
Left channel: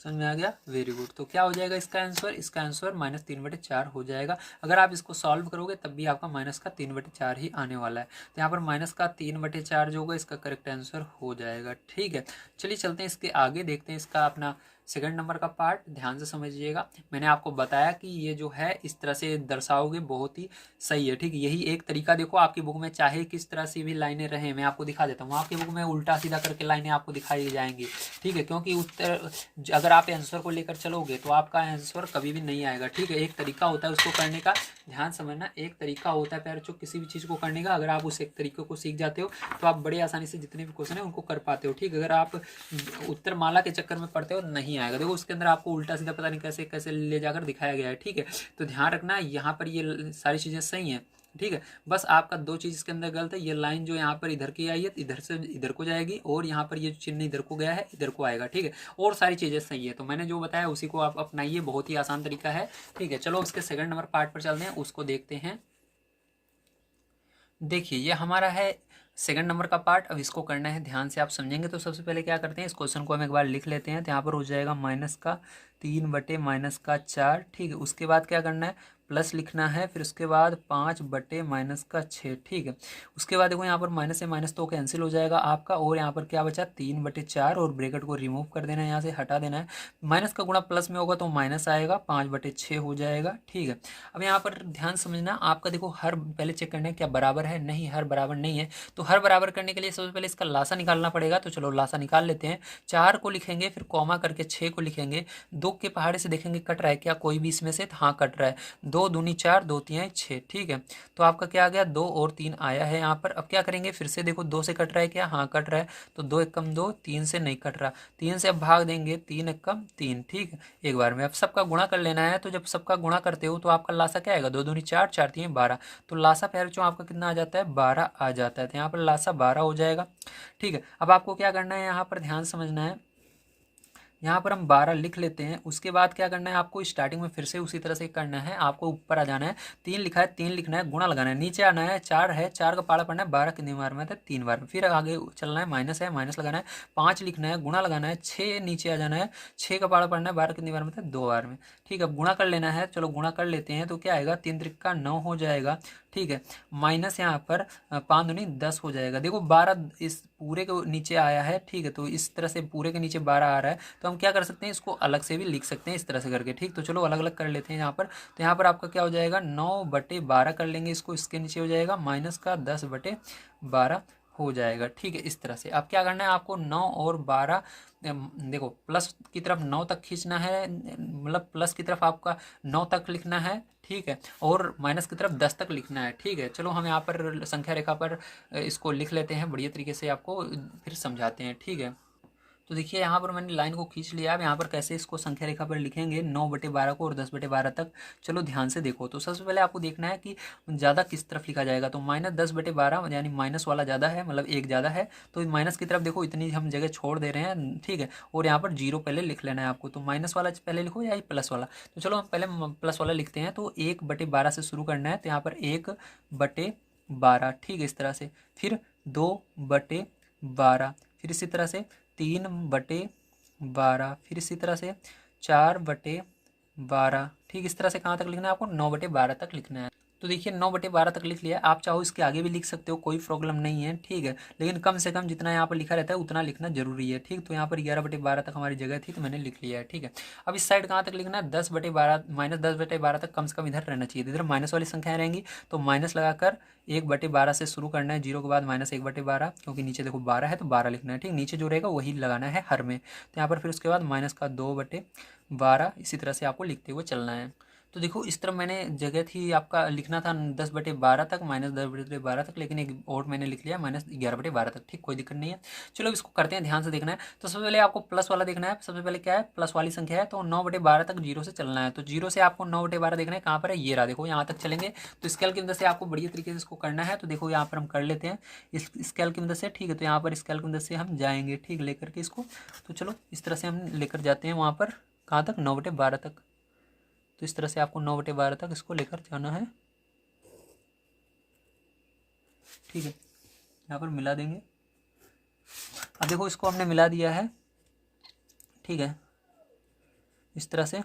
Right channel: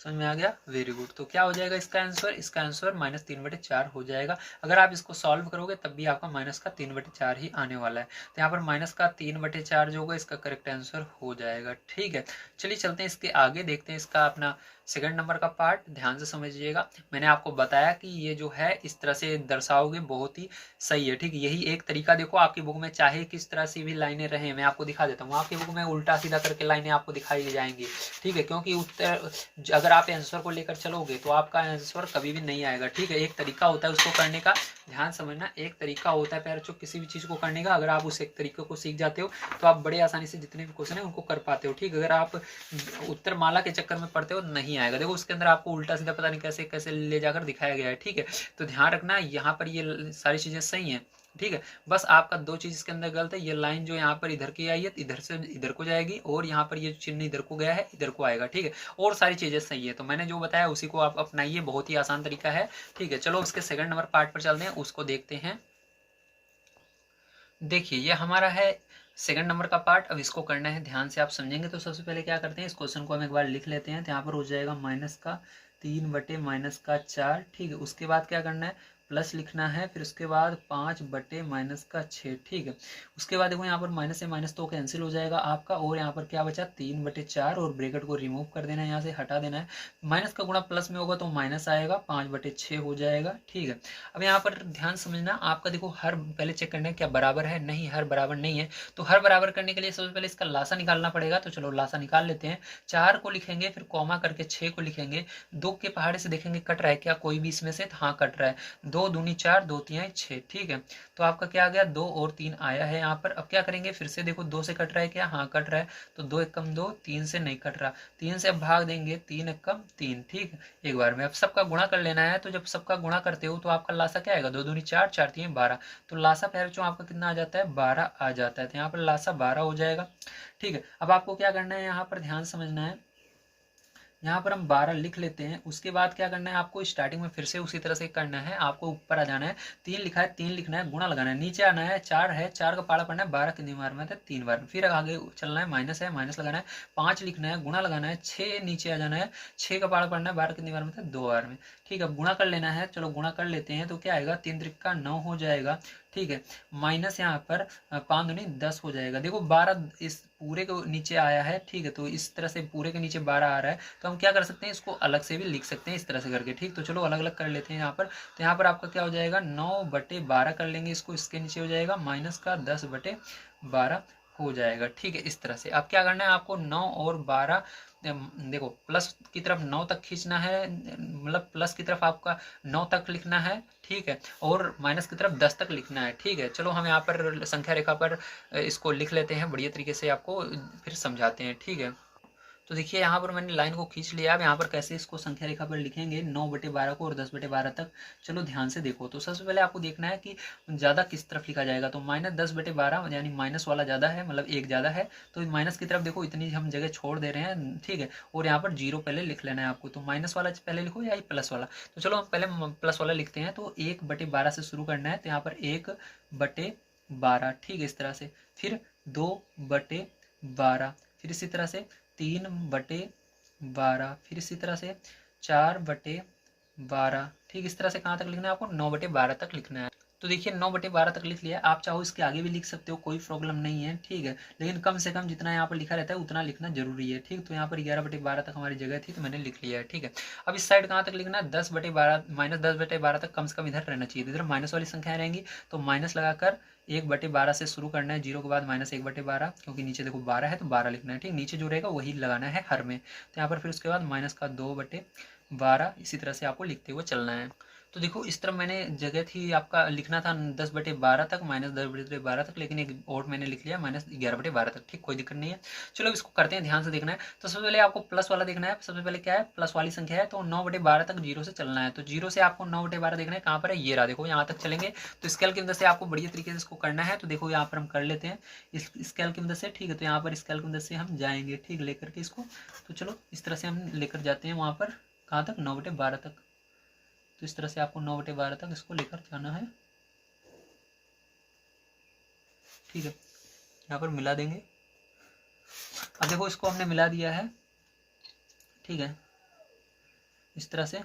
समझ में आ गया, वेरी गुड। तो क्या हो जाएगा इसका आंसर, इसका आंसर -3/4 हो जाएगा। अगर आप इसको सॉल्व करोगे तब भी आपका -3/4 ही आने वाला है। तो यहाँ पर -3/4 जो होगा इसका करेक्ट आंसर हो जाएगा, ठीक है। चलिए चलते हैं इसके आगे, देखते हैं इसका अपना सेकंड नंबर का पार्ट। ध्यान से समझिएगा, मैंने आपको बताया कि ये जो है इस तरह से दर्शाओगे बहुत ही सही है, ठीक है। यही एक तरीका, देखो आपकी बुक में चाहे किस तरह से भी लाइनें रहें, मैं आपको दिखा देता हूँ, आपकी बुक में उल्टा सीधा करके लाइनें आपको दिखाई जाएंगी, ठीक है, क्योंकि उत्तर अगर आप आंसर को लेकर चलोगे तो आपका आंसर कभी भी नहीं आएगा, ठीक है। एक तरीका होता है उसको करने का, ध्यान समझना, एक तरीका होता है प्यारे बच्चों किसी भी चीज़ को करने का। अगर आप उस एक तरीके को सीख जाते हो तो आप बड़े आसानी से जितने भी क्वेश्चन है उनको कर पाते हो, ठीक। अगर आप उत्तर माला के चक्कर में पढ़ते हो नहीं आएगा। देखो उसके अंदर आपको उल्टा सीधा पता नहीं कैसे कैसे ले जाकर दिखाया गया है, ठीक है। तो ध्यान रखना यहाँ पर ये सारी चीज़ें सही हैं, ठीक है। बस आपका दो चीज़ इसके अंदर गलत है, ये लाइन जो यहाँ पर इधर की आई है इधर से इधर को जाएगी, और यहाँ पर ये चिन्ह इधर को गया है इधर को आएगा, ठीक है। और सारी चीज़ें सही है, तो मैंने जो बताया उसी को आप अपनाइए, बहुत ही आसान तरीका है, ठीक है। चलो उसके सेकंड नंबर पार्ट पर चलते हैं, उसको देखते हैं। देखिए ये हमारा है सेकंड नंबर का पार्ट। अब इसको करना है, ध्यान से आप समझेंगे। तो सबसे पहले क्या करते हैं, इस क्वेश्चन को हम एक बार लिख लेते हैं। तो यहाँ पर हो जाएगा -3/-4, ठीक है। उसके बाद क्या करना है, प्लस लिखना है, फिर उसके बाद 5/-6, ठीक है। उसके बाद देखो यहाँ पर माइनस से माइनस तो कैंसिल हो जाएगा आपका, और यहाँ पर क्या बचा 3/4, और ब्रैकेट को रिमूव कर देना है, यहाँ से हटा देना है। माइनस का गुणा प्लस में होगा तो माइनस आएगा, 5/6 हो जाएगा, ठीक है। अब यहाँ पर ध्यान समझना, आपका देखो हर पहले चेक करना है क्या बराबर है, नहीं हर बराबर नहीं है। तो हर बराबर करने के लिए सबसे पहले इसका लासा निकालना पड़ेगा। तो चलो लासा निकाल लेते हैं। 4 को लिखेंगे, फिर कॉमा करके 6 को लिखेंगे। 2 के पहाड़े से देखेंगे कट रहा है क्या कोई भी इसमें से, तो हाँ कट रहा है। 2 दूनी 4, 2 तिहाई 6, ठीक है। तो आपका क्या आ गया, 2 और 3 आया है यहाँ पर। अब क्या करेंगे, फिर से देखो 2 से कट रहा है क्या, हाँ कट रहा है। तो 2 एकम 2, 3 से नहीं कट रहा, 3 से अब भाग देंगे, 3 एकम 3, ठीक है। एक बार में अब सबका गुणा कर लेना है। तो जब सबका गुणा करते हो तो आपका लासा क्या आएगा, 2 दूनी 4, 4 तिहाई 12। तो लासा प्यारे बच्चों आपका कितना आ जाता है, 12 आ जाता है। तो यहाँ पर लासा 12 हो जाएगा, ठीक है। अब आपको क्या करना है, यहाँ पर ध्यान समझना है, यहाँ पर हम 12 लिख लेते हैं। उसके बाद क्या करना है, आपको स्टार्टिंग में फिर से उसी तरह से करना है। आपको ऊपर आ जाना है, 3 लिखा है 3 लिखना है, गुणा लगाना है, नीचे आना है, 4 है 4 का पाड़ा पढ़ना है, 12 कितनी बार में था 3 बार में, फिर आगे चलना है, माइनस है माइनस लगाना है, 5 लिखना है, गुणा लगाना है, 6 नीचे आ जाना है, 6 का पाड़ा पढ़ना है, 12 कितनी बार में था 2 बार में, ठीक है। अब गुणा कर लेना है, चलो गुणा कर लेते हैं। तो क्या आएगा, 3 त्रिक 9 हो जाएगा, ठीक है। माइनस यहाँ पर 5 दूनी 10 हो जाएगा। देखो 12 इस पूरे के नीचे आया है, ठीक है। तो इस तरह से पूरे के नीचे 12 आ रहा है, तो हम क्या कर सकते हैं, इसको अलग से भी लिख सकते हैं इस तरह से करके, ठीक। तो चलो अलग अलग कर लेते हैं यहाँ पर। तो यहाँ पर आपका क्या हो जाएगा, 9/12 कर लेंगे इसको, इसके नीचे हो जाएगा माइनस का 10/12 हो जाएगा, ठीक है। इस तरह से अब क्या करना है, आपको 9 और 12 देखो प्लस की तरफ 9 तक खींचना है, मतलब प्लस की तरफ आपका 9 तक लिखना है, ठीक है, और माइनस की तरफ 10 तक लिखना है, ठीक है। चलो हम यहाँ पर संख्या रेखा पर इसको लिख लेते हैं, बढ़िया तरीके से आपको फिर समझाते हैं, ठीक है। तो देखिए यहाँ पर मैंने लाइन को खींच लिया। अब यहाँ पर कैसे इसको संख्या रेखा पर लिखेंगे 9/12 को और 10/12 तक। चलो ध्यान से देखो। तो सबसे पहले आपको देखना है कि ज़्यादा किस तरफ लिखा जाएगा। तो -10/12 यानी माइनस वाला ज़्यादा है, मतलब एक ज़्यादा है, तो माइनस की तरफ देखो इतनी हम जगह छोड़ दे रहे हैं, ठीक है। और यहाँ पर 0 पहले लिख लेना है आपको। तो माइनस वाला पहले लिखो या प्लस वाला। तो चलो हम पहले प्लस वाला लिखते हैं। तो 1/12 से शुरू करना है। तो यहाँ पर 1/12, ठीक है, इस तरह से। फिर 2/12, फिर इसी तरह से 3/12, फिर इसी तरह से 4/12, ठीक। इस तरह से कहाँ तक लिखना है आपको, 9/12 तक लिखना है। तो देखिए 9/12 तक लिख लिया। आप चाहो इसके आगे भी लिख सकते हो, कोई प्रॉब्लम नहीं है, ठीक है। लेकिन कम से कम जितना यहाँ पर लिखा रहता है उतना लिखना जरूरी है, ठीक। तो यहाँ पर 11/12 तक हमारी जगह थी, तो मैंने लिख लिया है, ठीक है। अब इस साइड कहाँ तक लिखना है, 10/12 -10/12 तक कम से कम इधर रहना चाहिए। इधर माइनस वाली संख्याएं रहेंगी, तो माइनस लगाकर 1/12 से शुरू करना है, 0 के बाद -1/12, क्योंकि नीचे देखो 12 है तो 12 लिखना है, ठीक। नीचे जो रहेगा वही लगाना है हर में। तो यहाँ पर फिर उसके बाद माइनस का 2/12, इसी तरह से आपको लिखते हुए चलना है। तो देखो इस तरह मैंने जगह थी आपका लिखना था 10/12 तक, -10/12 तक, लेकिन एक और मैंने लिख लिया -11/12 तक। ठीक, कोई दिक्कत नहीं है। चलो इसको करते हैं, ध्यान से देखना है। तो सबसे पहले आपको प्लस वाला देखना है। सबसे पहले क्या है, प्लस वाली संख्या है, तो 9/12 तक जीरो से चलना है। तो जीरो से आपको 9/12 देखना है, कहाँ पर है, ये रहा। देखो यहाँ तक चलेंगे, तो स्केल की मदद से आपको बढ़िया तरीके से इसको करना है। तो देखो यहाँ पर हम कर लेते हैं इस स्केल की मदद से। ठीक है, तो यहाँ पर स्केल की मदद से हम जाएंगे, ठीक, लेकर के इसको। तो चलो इस तरह से हम लेकर जाते हैं वहाँ पर, कहाँ तक, 9/12 तक। तो इस तरह से आपको 9/12 तक इसको लेकर जाना है। ठीक है, यहाँ पर मिला देंगे। अब देखो इसको हमने मिला दिया है। ठीक है, इस तरह से।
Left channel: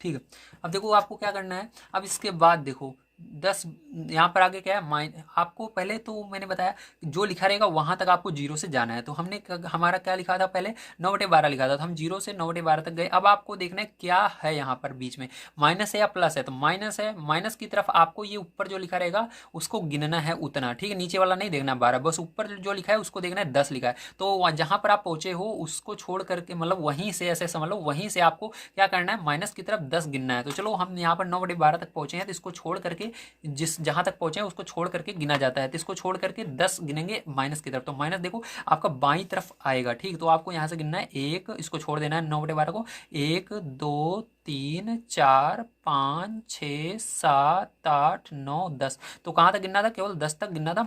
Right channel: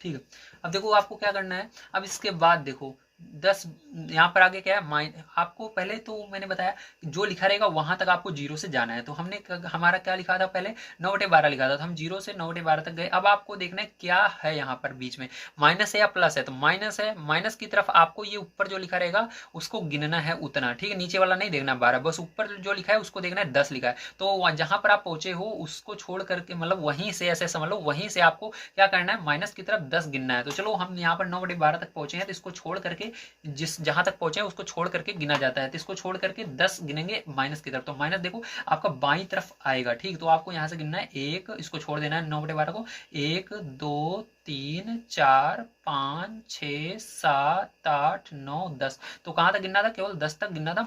ठीक है, अब देखो आपको क्या करना है। अब इसके बाद देखो 10, यहाँ पर आगे क्या है, आपको पहले तो मैंने बताया जो लिखा रहेगा वहां तक आपको जीरो से जाना है। तो हमने हमारा क्या लिखा था, पहले 9/12 लिखा था, तो हम जीरो से 9/12 तक गए। अब आपको देखना है क्या है यहाँ पर बीच में, माइनस है या प्लस है। तो माइनस है, माइनस की तरफ आपको ये ऊपर जो लिखा रहेगा उसको गिनना है उतना। ठीक है, नीचे वाला नहीं देखना 12, बस ऊपर जो लिखा है उसको देखना है 10 लिखा है। तो जहां पर आप पहुंचे हो उसको छोड़ करके, मतलब वहीं से, ऐसे समझ लो वहीं से आपको क्या करना है, माइनस की तरफ 10 गिनना है। तो चलो हम यहाँ पर 9/12 तक पहुंचे हैं, तो इसको छोड़ करके, जिस जहां तक पहुंचे हैं उसको छोड़ करके गिना जाता है। तो इसको छोड़ करके 10 गिनेंगे माइनस की तरफ। तो माइनस देखो आपका बाई तरफ आएगा। ठीक, तो आपको यहाँ से गिनना है एक, इसको छोड़ देना है 9/12 को, 1 2 3 4 5 6 7 8 9 10। तो कहाँ तक गिनना था, केवल 10 तक गिनना था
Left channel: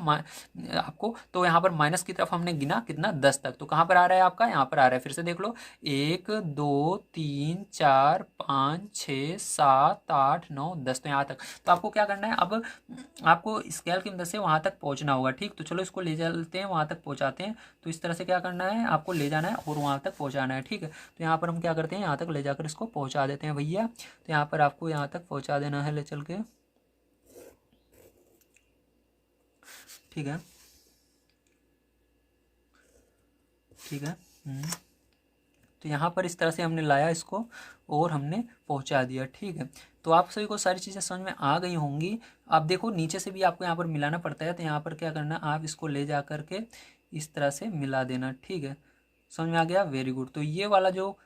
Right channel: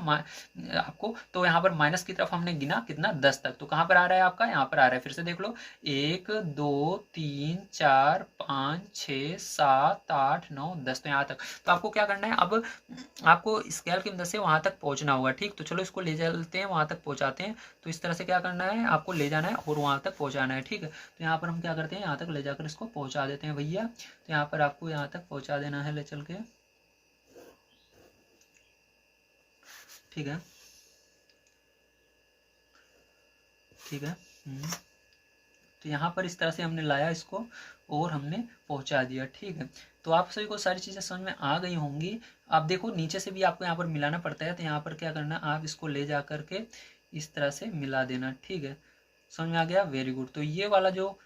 आपको। तो यहाँ पर माइनस की तरफ हमने गिना कितना, 10 तक। तो कहाँ पर आ रहा है आपका, यहाँ पर आ रहा है। फिर से देख लो, 1 2 3 4 5 6 7 8 9 10। तो यहाँ तक। तो आपको क्या करना है, अब आपको स्केल की मदद से वहां तक पहुंचना होगा। ठीक, तो चलो इसको ले चलते हैं, वहां तक पहुंचाते हैं। तो इस तरह से क्या करना है, आपको ले जाना है और वहां तक पहुंचाना है। ठीक है, तो यहाँ पर हम क्या करते हैं, यहाँ तक ले जाकर इसको पहुंचा देते हैं भैया। तो यहाँ पर आपको यहाँ तक पहुंचा देना है ले चल के। ठीक है, ठीक है। तो यहाँ पर इस तरह से हमने लाया इसको और हमने पहुंचा दिया। ठीक है, तो आप सभी को सारी चीज़ें समझ में आ गई होंगी। आप देखो नीचे से भी आपको यहाँ पर मिलाना पड़ता है। तो यहाँ पर क्या करना, आप इसको ले जा करके इस तरह से मिला देना। ठीक है, समझ में आ गया, वेरी गुड। तो ये वाला जो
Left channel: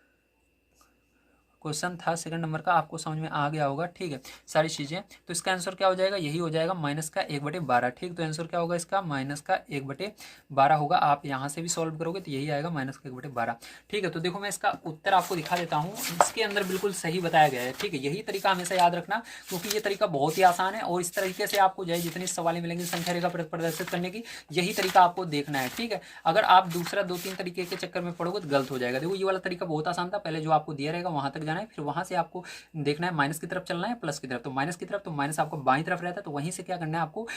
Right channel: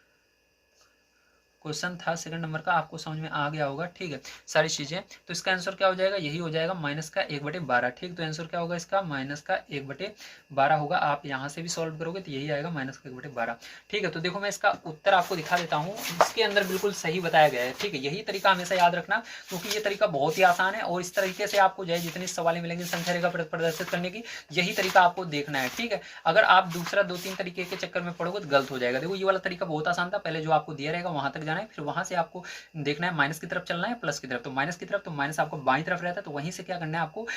क्वेश्चन था सेकंड नंबर का, आपको समझ में आ गया होगा। ठीक है, सारी चीज़ें। तो इसका आंसर क्या हो जाएगा, यही हो जाएगा, -1/12। ठीक, तो आंसर क्या होगा इसका, -1/12 होगा। आप यहाँ से भी सॉल्व करोगे तो यही आएगा, -1/12। ठीक है, तो देखो मैं इसका उत्तर आपको दिखा देता हूँ। इसके अंदर बिल्कुल सही बताया गया है। ठीक है, यही तरीका हमेशा याद रखना, क्योंकि ये तरीका बहुत ही आसान है। और इस तरीके से आपको जो है जितनी सवालें मिलेंगी संख्या रेखा प्रदर्शित करने की, यही तरीका आपको देखना है। ठीक है, अगर आप दूसरा 2-3 तरीके के चक्कर में पड़ोगे तो गलत हो जाएगा। देखो ये वाला तरीका बहुत आसान था, पहले जो आपको दिया रहेगा वहां तक जाना है, फिर वहां से आपको देखना है माइनस की तरफ चलना है, प्लस की तरफ। तो माइनस की तरफ, तो माइनस आपको बाई तरफ रहता है, तो वहीं से क्या करना है आपको,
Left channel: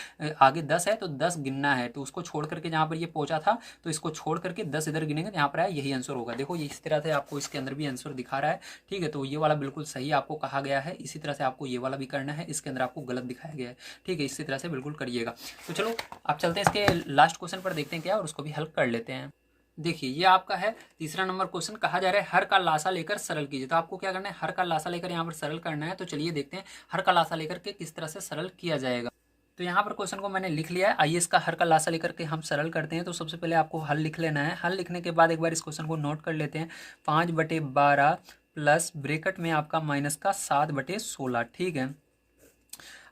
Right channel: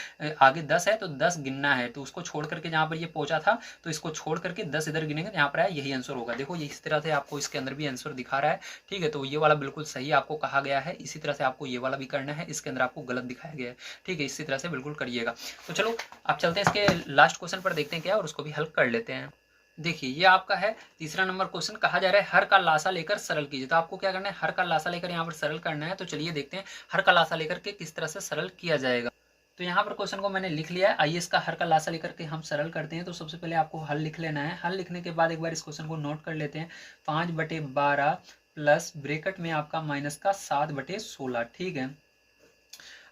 आगे 10 है तो 10 गिनना है। तो उसको छोड़ करके जहां पर ये पहुंचा था, तो इसको छोड़ करके 10 इधर गिनेंगे, यहाँ पर आया, यही आंसर होगा। देखो ये इस तरह से आपको इसके अंदर भी आंसर दिखा रहा है। ठीक है, तो ये वाला बिल्कुल सही आपको कहा गया है। इसी तरह से आपको ये वाला भी करना है, इसके अंदर आपको गलत दिखाया गया है। ठीक है, इसी तरह से बिल्कुल करिएगा। तो चलो आप चलते हैं इसके लास्ट क्वेश्चन पर, देखते हैं क्या, और उसको भी हल कर लेते हैं। देखिए ये आपका है तीसरा नंबर क्वेश्चन। कहा जा रहा है हर का लासा लेकर सरल कीजिए। तो आपको क्या करना है, हर का लासा लेकर यहाँ पर सरल करना है। तो चलिए देखते हैं हर का लासा लेकर के किस तरह से सरल किया जाएगा। तो यहाँ पर क्वेश्चन को मैंने लिख लिया है, आइए इसका हर का लासा लेकर के हम सरल करते हैं। तो सबसे पहले आपको हल लिख लेना है। हल लिखने के बाद एक बार इस क्वेश्चन को नोट कर लेते हैं। 5/12 प्लस ब्रेकेट में आपका माइनस का 7/16। ठीक है,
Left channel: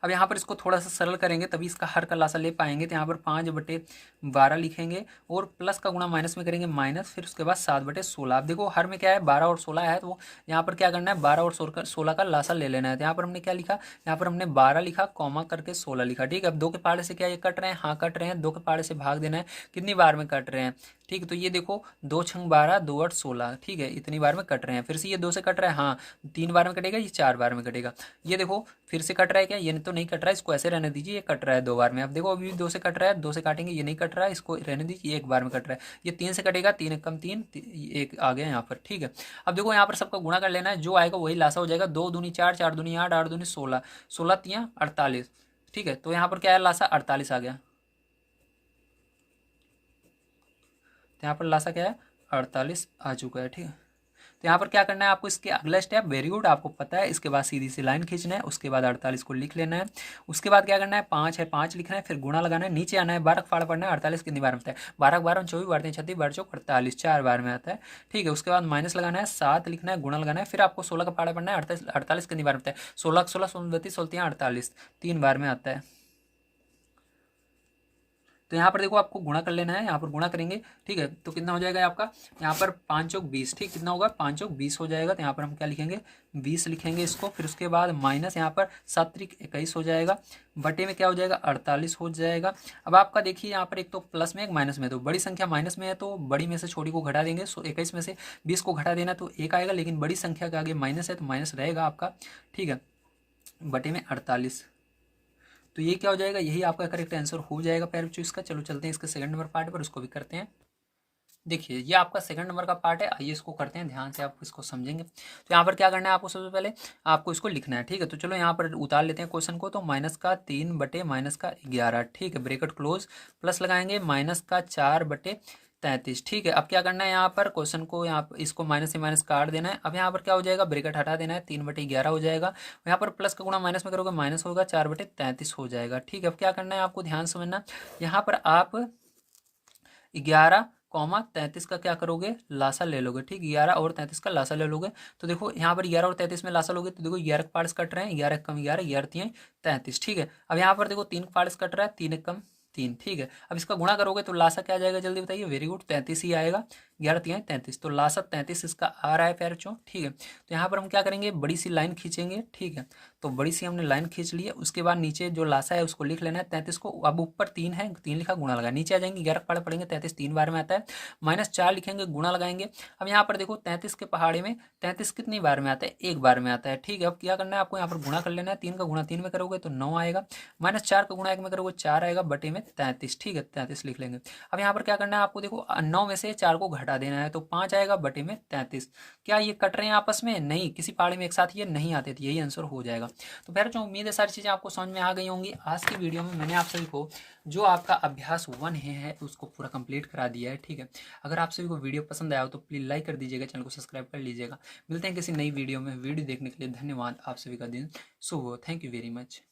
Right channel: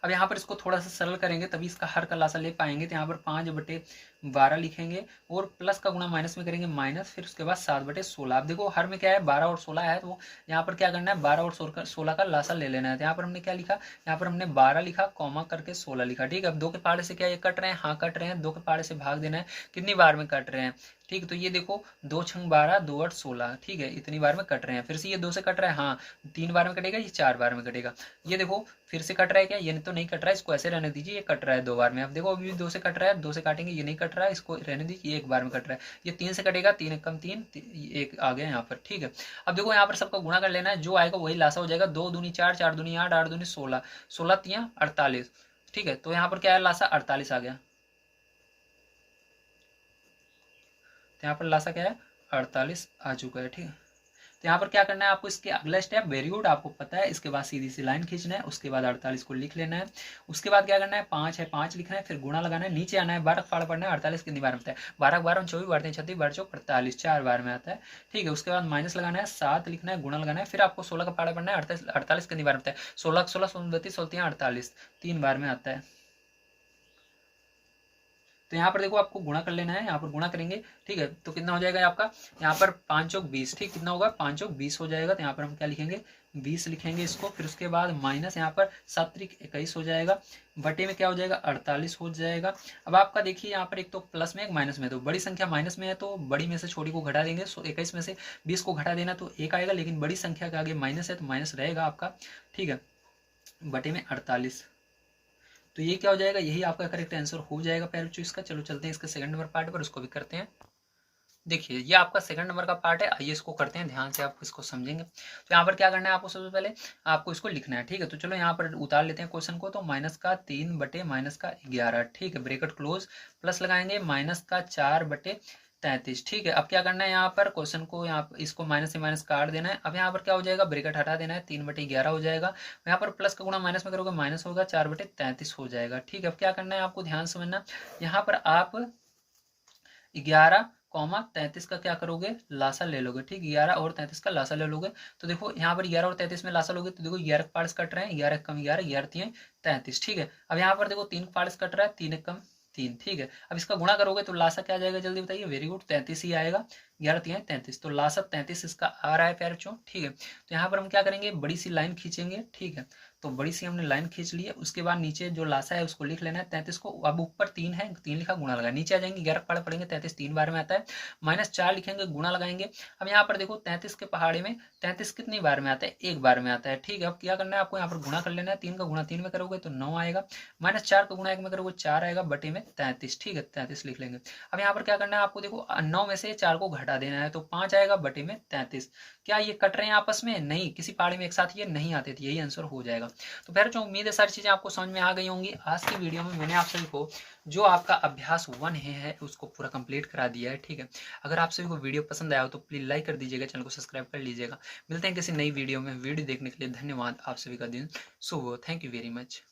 अब यहाँ पर इसको थोड़ा सा सरल करेंगे तभी इसका हर का लासा ले पाएंगे। तो यहाँ पर 5/12 लिखेंगे और प्लस का गुणा माइनस में करेंगे माइनस, फिर उसके बाद 7/16। अब देखो हर में क्या है, 12 और 16 है, तो यहाँ पर क्या करना है, 12 और 16 का लासा ले लेना है। तो यहाँ पर हमने क्या लिखा, यहाँ पर हमने 12 लिखा, कॉमा करके 16 लिखा। ठीक है, अब 2 के पाड़े से क्या ये कट रहे हैं, हाँ कट रहे हैं। 2 के पाड़े से भाग देना है, कितनी बार में कट रहे हैं। ठीक है, तो ये देखो 2×6 = 12, 2×8 = 16। ठीक है, इतनी बार में कट रहे हैं। फिर से ये 2 से कट रहा है, हाँ 3 बार में कटेगा, ये 4 बार में कटेगा। ये देखो फिर से कट रहा है क्या, ये तो नहीं कट रहा है, इसको ऐसे रहने दीजिए, ये कट रहा है 2 बार में। अब देखो अभी भी 2 से कट रहा है, 2 से काटेंगे, ये नहीं कट रहा है, इसको रहने दीजिए, ये 1 बार में कट रहा है। ये 3 से कटेगा, 3 × 3 = 1 आ गया यहाँ पर। ठीक है, अब देखो यहाँ पर सबका गुणा कर लेना है, जो आएगा वही लासा हो जाएगा। 2 दूनी 4, 4 दूनी 8, 8 दूनी 16, 16 × 3 = 48। ठीक है, तो यहाँ पर क्या है, लासा 48 आ गया। तो यहाँ पर लासा क्या है, 48 आ चुका है। ठीक है, तो यहाँ पर क्या करना है आपको, इसके अगला स्टेप, वेरी गुड, आपको पता है। इसके बाद सीधी सी लाइन खींचना है, उसके बाद 48 को लिख लेना है। उसके बाद क्या करना है, 5 है 5 लिखना है, फिर गुणा लगाना है, नीचे आना है, 12 फाड़ पड़ना है, 48 कितनी बार में आता है, 12 12 24 12 36 12 चौक 48, 4 बार में आता है। ठीक है, उसके बाद माइनस लगाना है, 7 लिखना है, गुणा लगाना है, फिर आपको 16 का फाड़ा पड़ना है, 48 48 कितनी बार में आता है, 16 16 16 32 16 48, 3 बार में आता है। तो यहाँ पर देखो आपको गुणा कर लेना है, यहाँ पर गुणा करेंगे। ठीक है, तो कितना हो जाएगा आपका, यहाँ पर 5 चौक 20, ठीक, कितना होगा, 5 चौक 20 हो जाएगा। तो यहाँ पर हम क्या लिखेंगे, 20 लिखेंगे इसको। फिर उसके बाद माइनस, यहाँ पर 7 त्रिक 21 हो जाएगा, बटे में क्या हो जाएगा, 48 हो जाएगा। अब आपका देखिए यहाँ पर एक तो प्लस में एक माइनस में, तो बड़ी संख्या माइनस में है तो बड़ी में से छोटी को घटा देंगे। 21 में से 20 को घटा देना तो 1 आएगा, लेकिन बड़ी संख्या के आगे माइनस है तो माइनस रहेगा आपका। ठीक है, बटे में 48, तो ये क्या हो जाएगा, यही आपका करेक्ट आंसर हो जाएगा प्यारे बच्चों इसका। चलो चलते हैं इसके सेकंड नंबर पार्ट पर, उसको भी करते हैं। देखिए ये आपका सेकंड नंबर का पार्ट है, आइए इसको करते हैं, ध्यान से आप इसको समझेंगे। तो यहाँ पर क्या करना है आपको, सबसे पहले आपको इसको लिखना है। ठीक है, तो चलो यहाँ पर उतार लेते हैं क्वेश्चन को। तो -3 बटे -11, ठीक है, ब्रेकेट क्लोज, प्लस लगाएंगे -4 बटे 33। ठीक है, अब क्या करना है, यहाँ पर क्वेश्चन को, यहाँ इसको माइनस से माइनस काट देना है। अब यहाँ पर क्या हो जाएगा, ब्रेकेट हटा देना है, 3/11 हो जाएगा। यहाँ पर प्लस का गुणा माइनस में करोगे माइनस होगा, 4/33 हो जाएगा। ठीक है, अब क्या करना है आपको, ध्यान समझना, यहाँ पर आप 11, 33 का क्या करोगे, लासा ले लोगे। ठीक, 11 और 33 का लासा ले लोगे। तो देखो यहाँ पर 11 और 33 में लासा लोगे तो देखो 11 पार्ट्स कट रहे हैं, 11 कम 11, 11 3 33। ठीक है, अब यहाँ पर देखो 3 पार्ट्स कट रहा है, 3 कम 3। ठीक है, अब इसका गुणा करोगे तो लासा क्या आ जाएगा, जल्दी बताइए, वेरी गुड, 33 ही आएगा, 11 3 33, तो लासा 33 इसका आ रहा है प्यारे बच्चों। ठीक है, तो यहाँ पर हम क्या करेंगे, बड़ी सी लाइन खींचेंगे। ठीक है, तो बड़ी सी हमने लाइन खींच ली है। उसके बाद नीचे जो लासा है उसको लिख लेना है 33 को। अब ऊपर 3 है, 3 लिखा, गुणा लगा, नीचे आ जाएंगे, 11 पहाड़े पड़ेंगे, 33 3 बार में आता है, -4 लिखेंगे, गुणा लगाएंगे। अब यहाँ पर देखो 33 के पहाड़े में 33 कितनी बार में आता है, 1 बार में आता है। ठीक है, अब क्या करना है आपको, यहाँ पर गुणा कर लेना है, 3 का गुणा 3 में करोगे तो 9 आएगा, -4 का गुणा 1 में करोगे 4 आएगा, बटे में 33। ठीक है, 33 लिख लेंगे। अब यहाँ पर क्या करना है आपको, देखो 9 में से 4 को घटा देना है तो 5 आएगा, बटे में 33। क्या ये कट रहे हैं आपस में, नहीं, किसी पहाड़े में एक साथ ये नहीं आते थे, यही आंसर हो जाएगा। तो फिर जो उम्मीद है सारी चीज़ें आपको समझ में आ गई होंगी। आज की वीडियो में मैंने आप सभी को जो आपका अभ्यास 1 है उसको पूरा कंप्लीट करा दिया है। ठीक है, अगर आप सभी को वीडियो पसंद आया हो तो प्लीज़ लाइक कर दीजिएगा, चैनल को सब्सक्राइब कर लीजिएगा। मिलते हैं किसी नई वीडियो में, वीडियो देखने के लिए धन्यवाद। आप सभी का दिन शुभ हो, थैंक यू वेरी मच।